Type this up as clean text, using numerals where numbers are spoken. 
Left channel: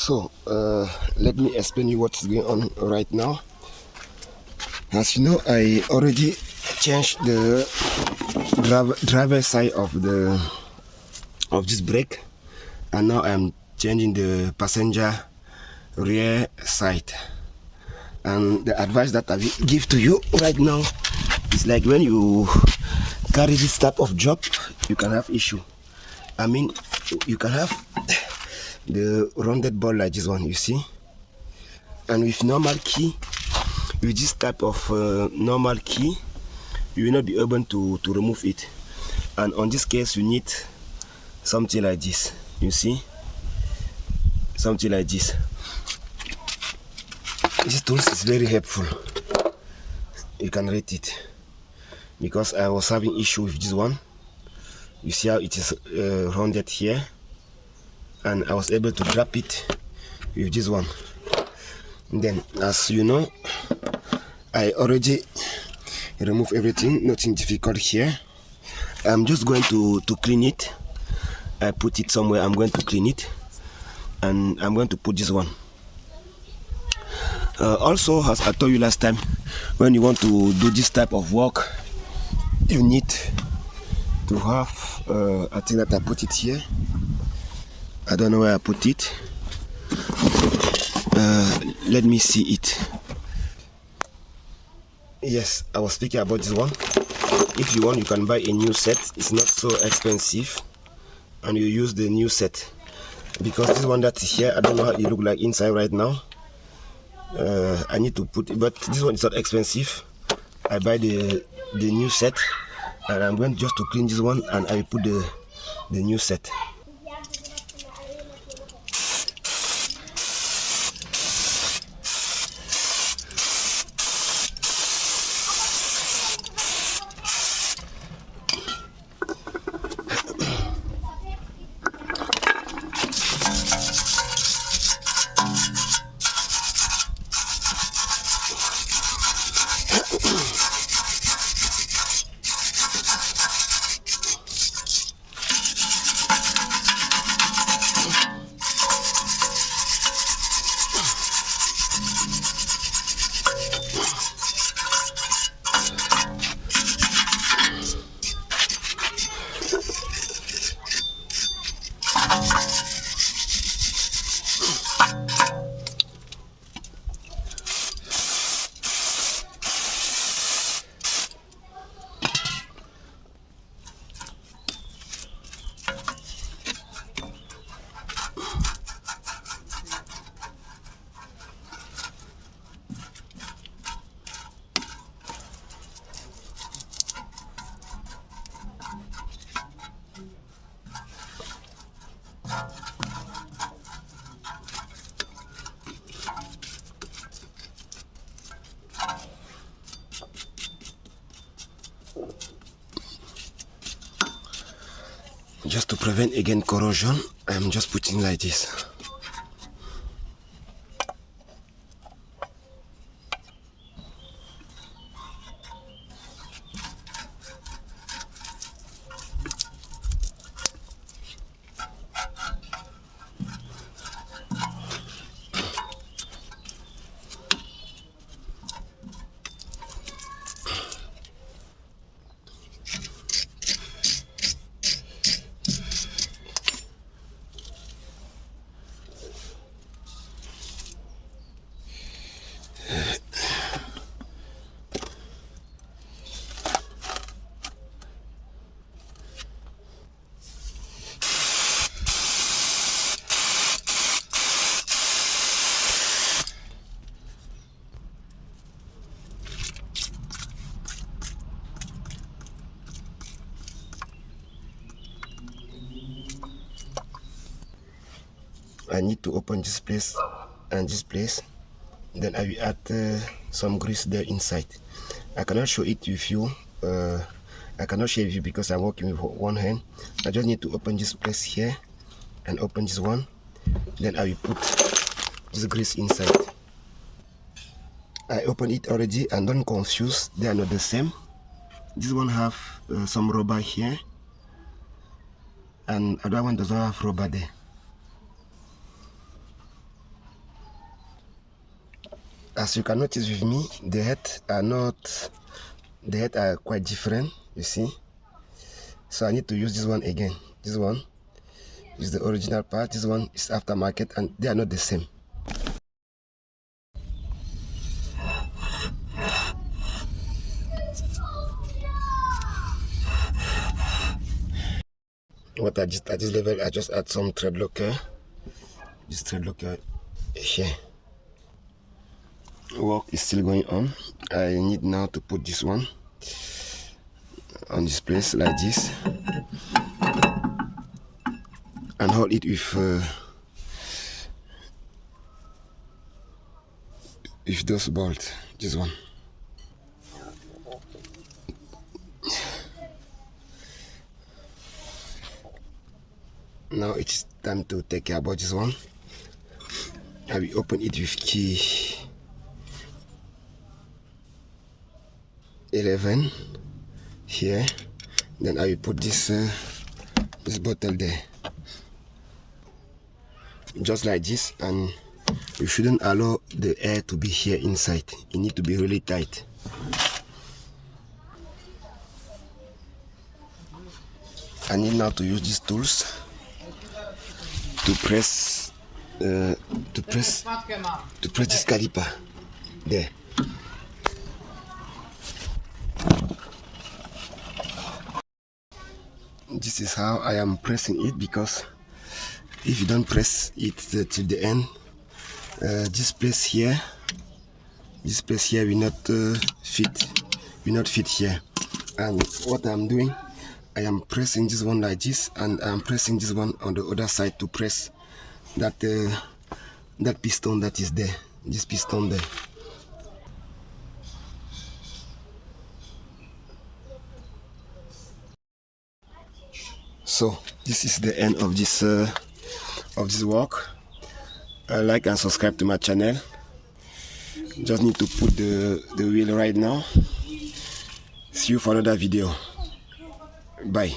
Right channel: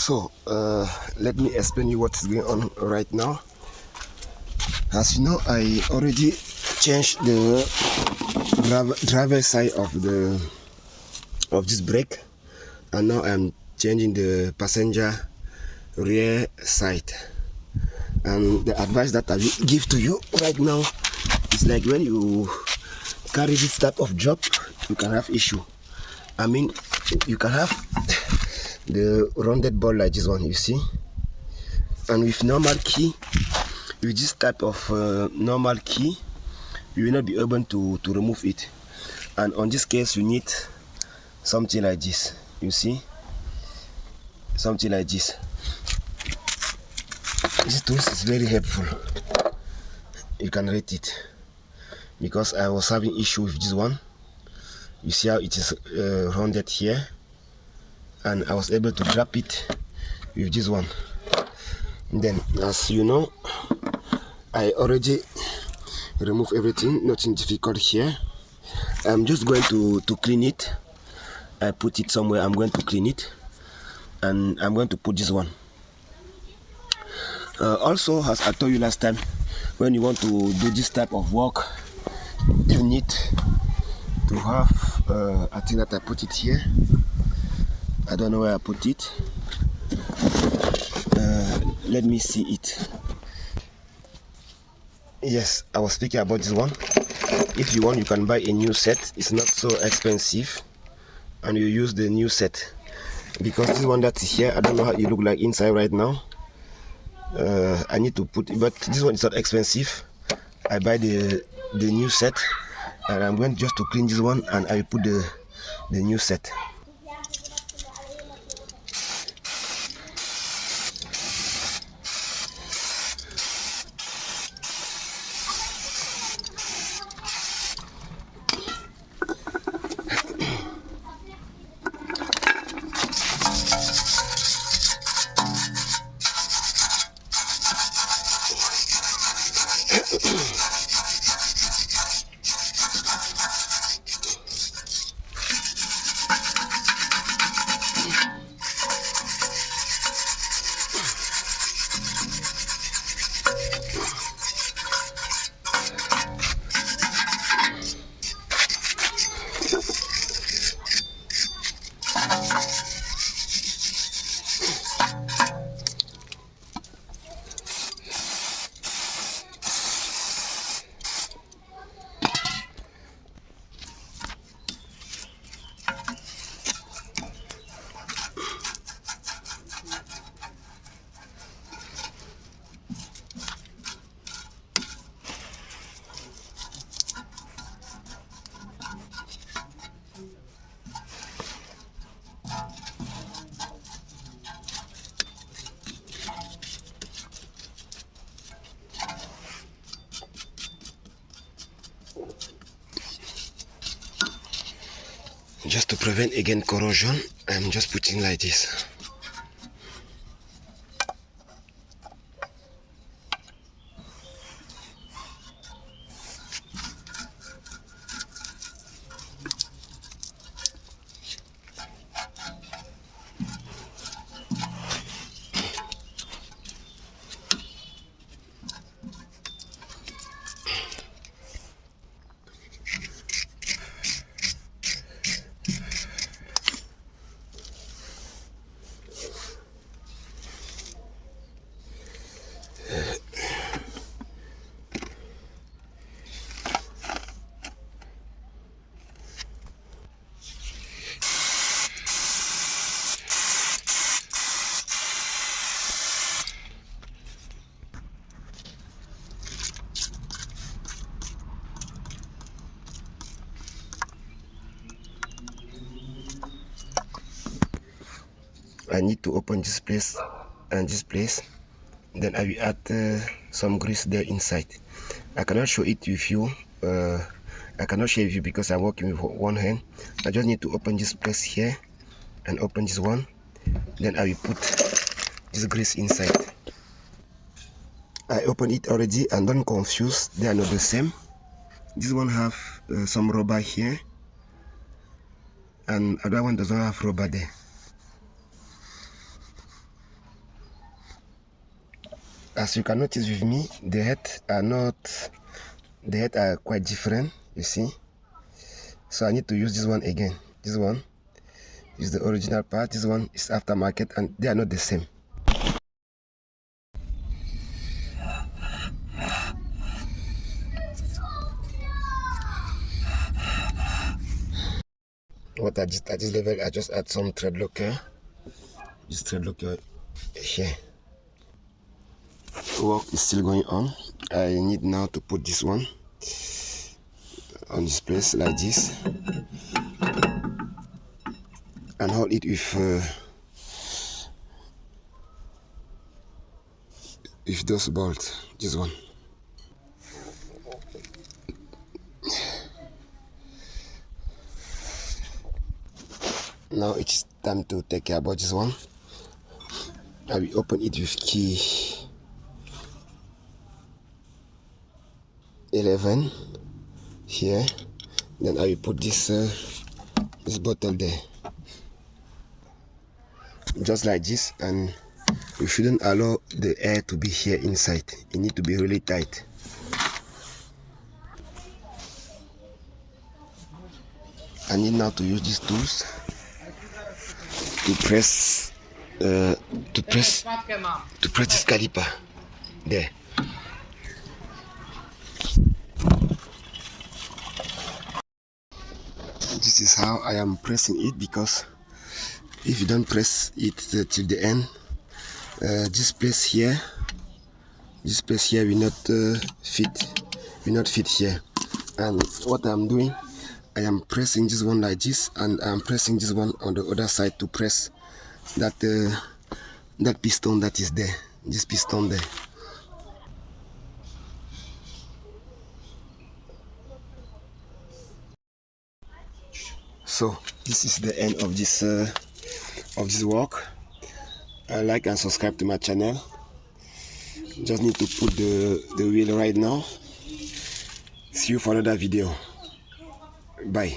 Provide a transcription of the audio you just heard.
So let me explain you what's going on right now. As you know, I already changed the driver side of this brake, and now I'm changing the passenger rear side. And the advice that I will give to you right now is like when you carry this type of job, you can have issue. I mean, you can have the rounded ball like this one, you see, and with normal key, with this type of normal key, you will not be able to remove it. And on this case, you need something like this, you see, something like this. This tool is very helpful. You can rate it, because I was having issue with this one. You see how it is rounded here, and I was able to drop it with this one. And then, as you know, I already remove everything, nothing difficult here. I'm just going to clean it. I put it somewhere, I'm going to clean it, and I'm going to put this one. Also, as I told you last time, when you want to do this type of work, you need to have I think that I put it here. I don't know where I put it. Let me see it. Yes, I was speaking about this one. If you want, you can buy a new set. It's not so expensive, and you use the new set, because this one that is here, I don't know how it look like inside right now. I need to put it, but this one is not expensive. I buy the new set, and I'm going just to clean this one, and I will put the new set. Just to prevent again corrosion, I'm just putting like this. I need to open this place and this place, then I will add some grease there inside. I cannot show it with you. I cannot share with you because I'm working with one hand. I just need to open this place here and open this one, then I will put this grease inside. I opened it already, and don't confuse, they are not the same. This one have some rubber here, and other one does not have rubber there. as you can notice with me, the heads are quite different, you see. So I need to use this one again. This one is the original part, this one is aftermarket, and they are not the same. What at this level, I just add some thread locker. This thread locker here. Work is still going on. I need now to put this one on this place like this and hold it with those bolts. This one. Now it's time to take care about this one. I will open it with key 11 here. Then I will put this bottle there, just like this, and you shouldn't allow the air to be here inside. It needs to be really tight. I need now to use these tools to press this caliper there. This is how I am pressing it, because if you don't press it till the end, this place here will not fit here. And what I'm doing, I am pressing this one like this, and I'm pressing this one on the other side to press that piston that is there, this piston there. So this is the end of this work. Like and subscribe to my channel. Just need to put the wheel right now. See you for another video. Bye.